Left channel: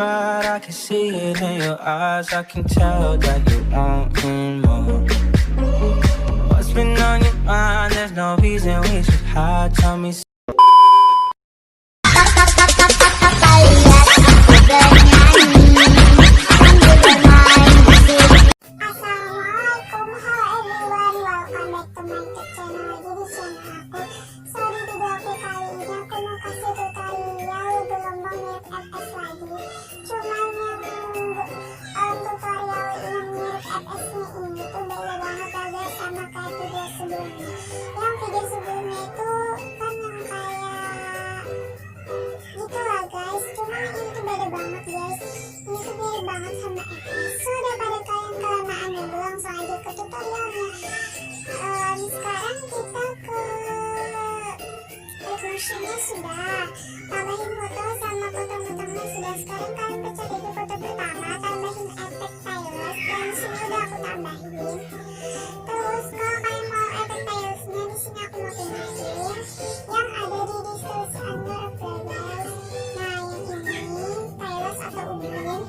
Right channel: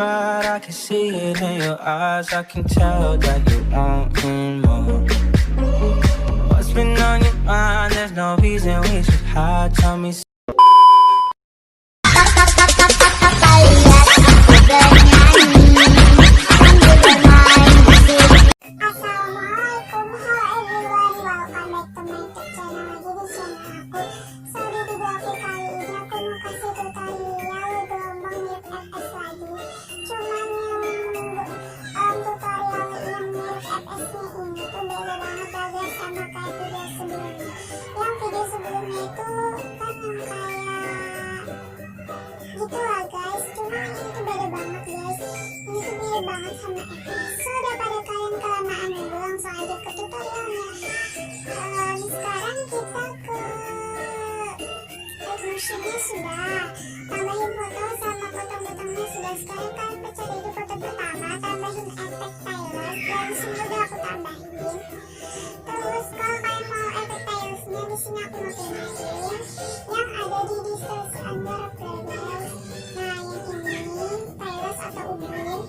right, I can see it in your eyes. I can tell that you want more. What's been on your mind? There's no reason we should hide. Tell me. Assalamualaikum, hello everyone, welcome back to my YouTube channel. Jadi channel aku, so di video aku kali ini aku mau kasih tutorial gelombang mirip FS lagi. Cuman yang tutorial yang mirip FS nya ini tuh beda banget ya guys sama kayak video sebelumnya. Yang video sebelumnya itu kan yang kayak gitu lah guys, cuman yang ini tuh beda banget guys. Ini tuh mirip banget sama FS. So daripada kalian kelamaan dulu, langsung aja ke tutorialnya. Sekarang kita ke motionnya sudah, tambahin foto sama potong-potongnya sudah. Sekarang kalian pencet di foto pertama, tambahin efek tiles, dan sini udah aku tambahin. Terus kalau kalian mau efek tilesnya, di sini aku mau tunjukin yang ada di deskripsi guys. Nah yang ini tiles atau ubin.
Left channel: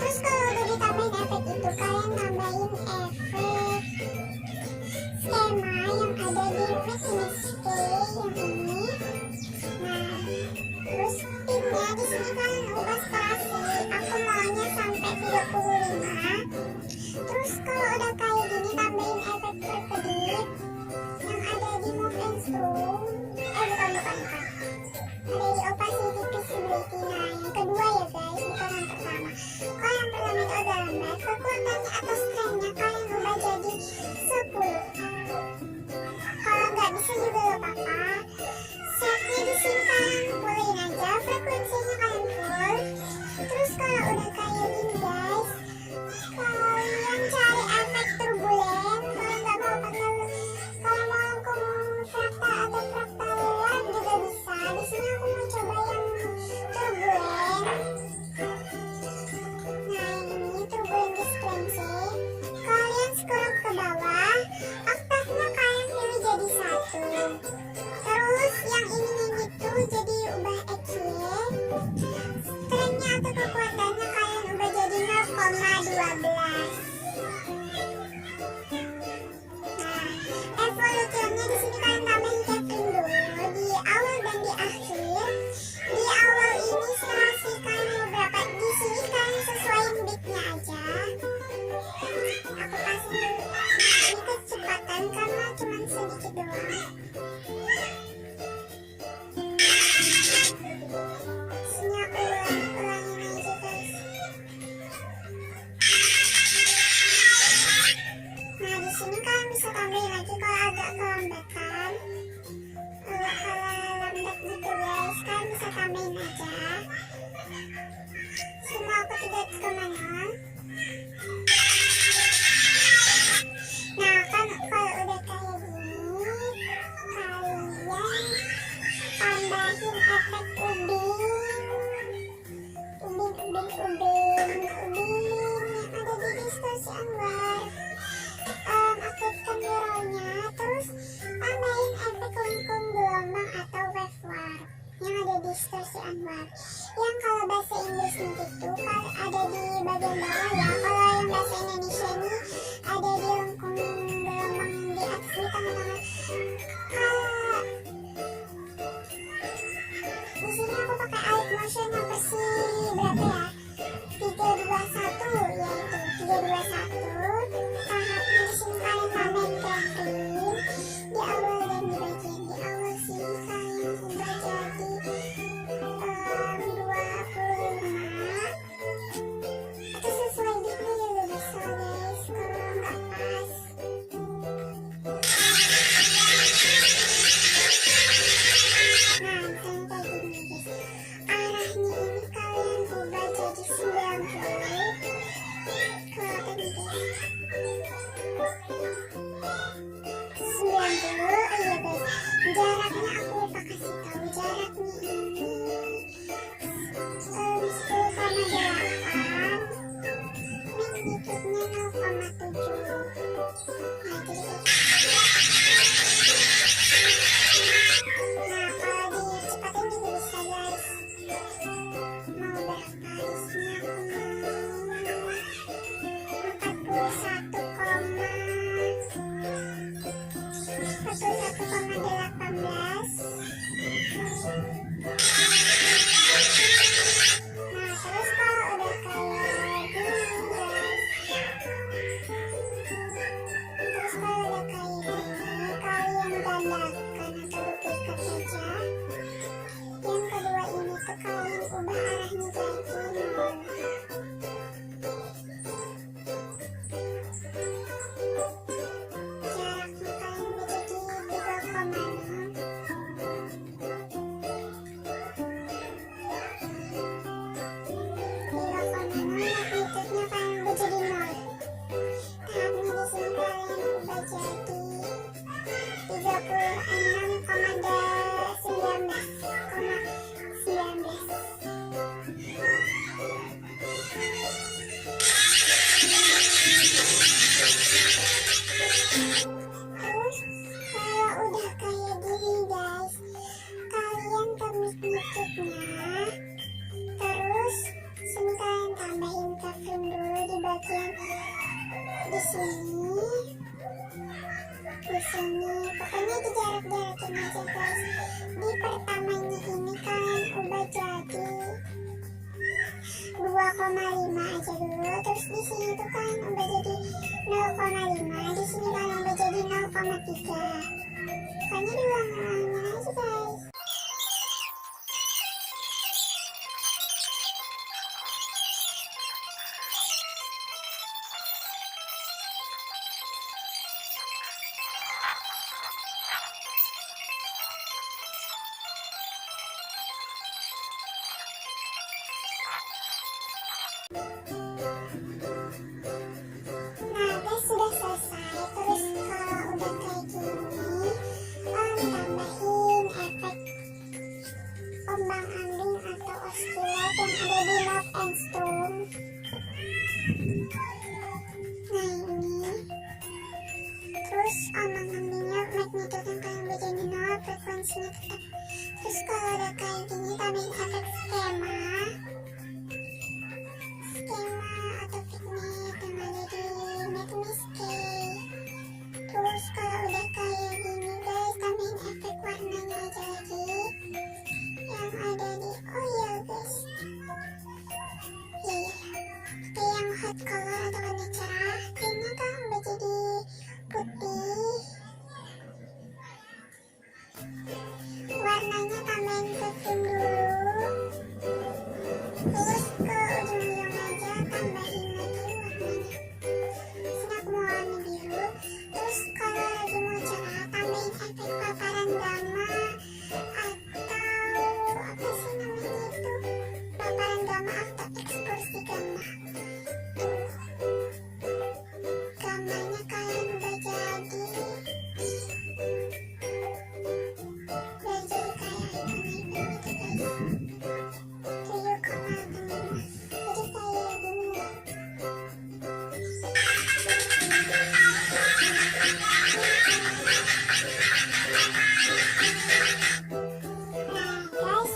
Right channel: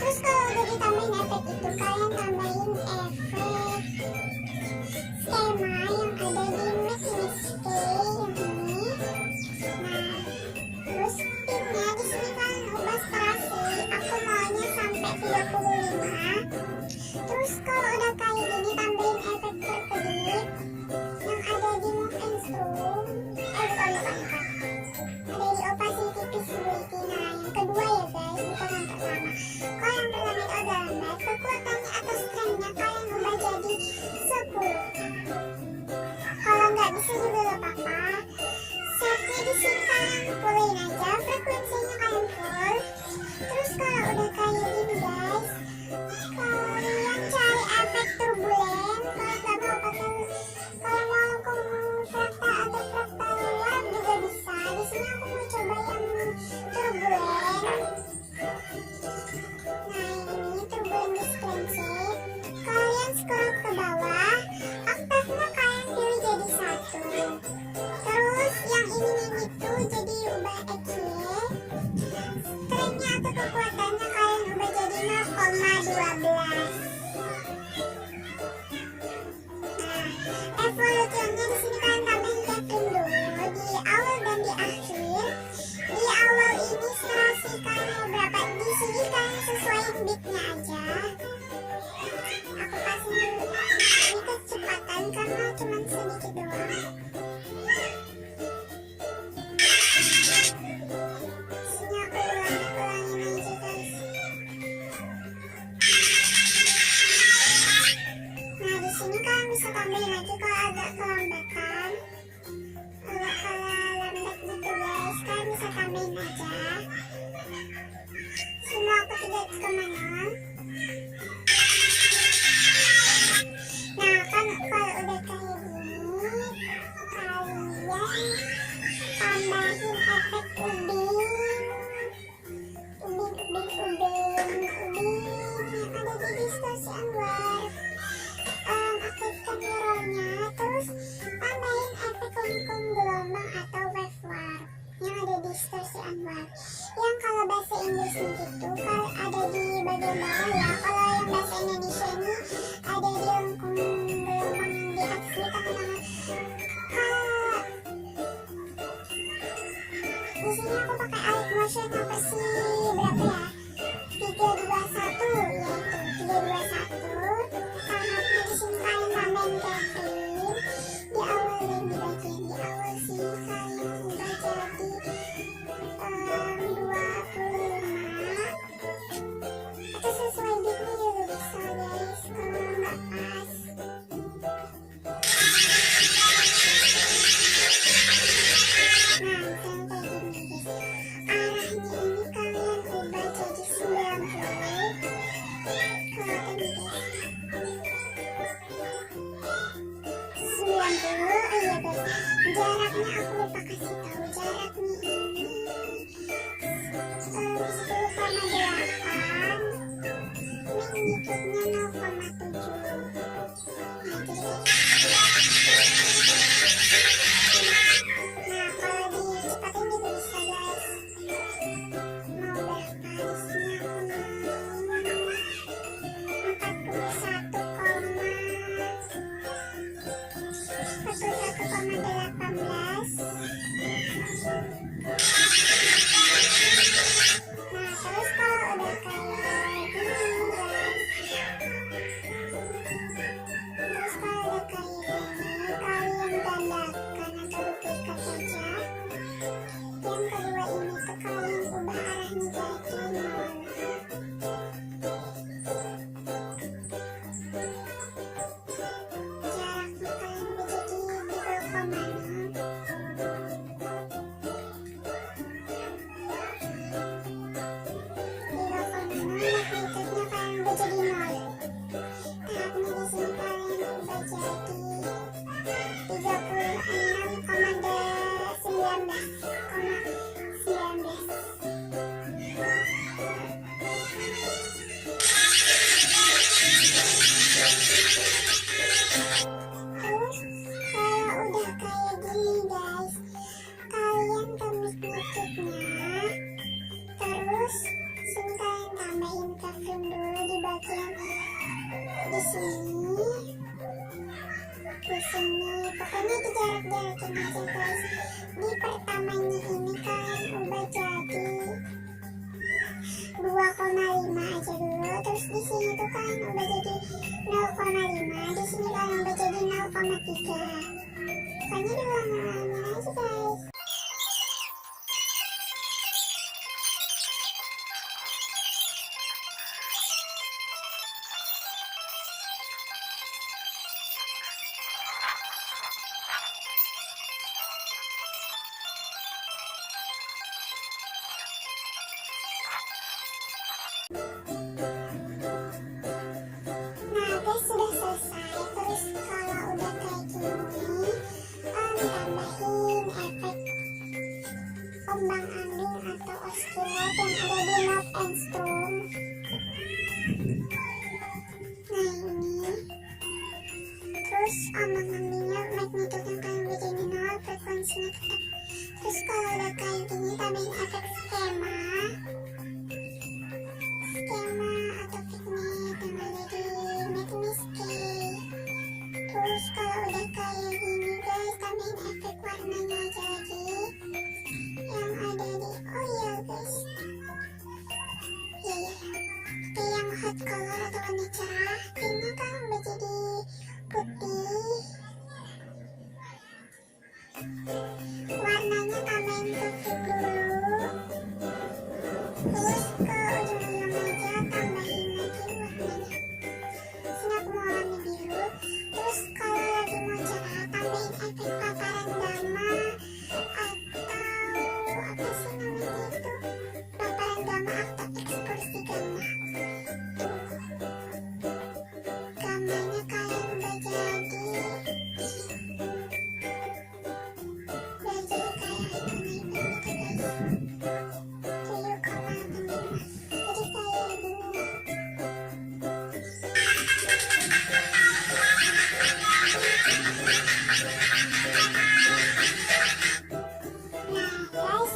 Terus kalau udah ditambahin efek itu, kalian tambahin efek skema yang ada di mix yang ini. Nah terus pinnya di sini kalian ubah strasi, aku maunya sampai 35. Terus kalau udah kayak gini, tambahin efek berkedip yang ada di move and strum. Bukan ada di opacity visibility. Nah yang kedua ya guys, bukan yang pertama. Kalau yang pertama itu agak lambat, kekuatannya atau strength-nya kalian ubah jadi 10. Kalau nggak bisa juga gak apa-apa, setnya di sini kalian fullin aja, frekuensinya kalian full. Terus kalau udah kayak gini guys, kalian cari efek turbulen. Kalau nggak mau pakai, kalau mau ke fraktal atau fraktal luar juga bisa. Di sini aku mau coba yang turbulen. Nah ini turbulen display. Kalian scroll ke bawah, oktavnya kalian pilih jadi 1. Terus yang ini gitu jadi ubah XY. Strength-nya atau kekuatannya kalian ubah jadi 0,12. Nah, evolutionnya di sini kalian tambahin carefre dulu di awal dan di akhir. Di awal ini serasi kalian mau berapa, di sini kalian sesuaiin beatnya aja. Aku kasih dulu ini kecepatan karena cuma sedikit doang. Sini aku ulangin aja guys. Nah di sini kalian bisa tambahin lagi kalau agak kelambatan. Kalau lambat gitu guys, kalian bisa tambahin aja. Semua aku tidak kemana. Nah kan kalau udah kayak gini, kalian tambahin efek ubin yang ada di distorsi anwar. Aktifkan mirrornya, terus tambahin efek lengkung gelombang atau wave warp yang ada di distorsi anwar. Yang kalau bahasa Inggrisnya gitu ada di bagian bawah ya. Kalau yang bahasa Indonesia ini ada di lengkung gelombang di atas di tengah-tengah. Di sini aku pakai alight motion yang versi berapa ya? 321, yaitu 321. Tahapnya di sini kalian tambahin carefre di awal dan di bagian di awal sini kalian ubah jadi 25. Atau sesuai beatnya juga bisa guys kalau nggak pas. Nah misalnya kayak gini guys, arahnya warnanya. Terus sini kalian tambahin carefre dulu di bagian di sini, pokoknya di jarak-jarakin aja guys. Di pertamanya ini kalian ubah jadi 2,5 aja dulu. Terus di sini tuh kalian ubah jadi 0,5. Di sini kalian ubah jadi 0,3. Pokoknya diulang-ulangin aja guys. Nah guys, sudah selesai. Terus kalau udah kayak gini, tambahin efek ombang ambing atau oscillate yang ada di note and strum. Nah ini, terus ombang ambingnya magnitude yang kalian baca di 0, frekuensinya tetap. Terus kalau udah kayak gini, tambahin efek skema atau vignette yang ada di magnitude. Terus kalau udah kayak gini guys, tambahin efek warnanya aja lagi yang ada di, oh iya guys, iya kayak yang hot color atau warna cerah. Ini kan udah jadi putih. Warnanya tambahin ke film dulu, terus ke ujung-ujung aja tambahin lagi warnanya. Sini aku mau warna biru. Terus kalau lagi mau cerah, tambahin efek paparan gamma atau apa sih namanya itu, paparan gamma atau ekskursi gamma. Gammanya kalian udah jadi kayak ikon-ikon gitu guys. 7,6. Jadi kayak gini. Nah guys,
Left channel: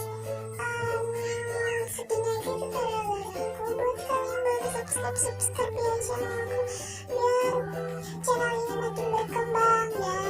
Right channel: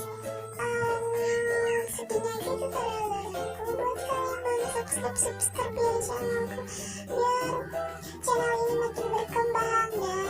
segini aja tutorial aku. Buat kalian baru subscribe ya channel aku, biar channel ini makin berkembang ya.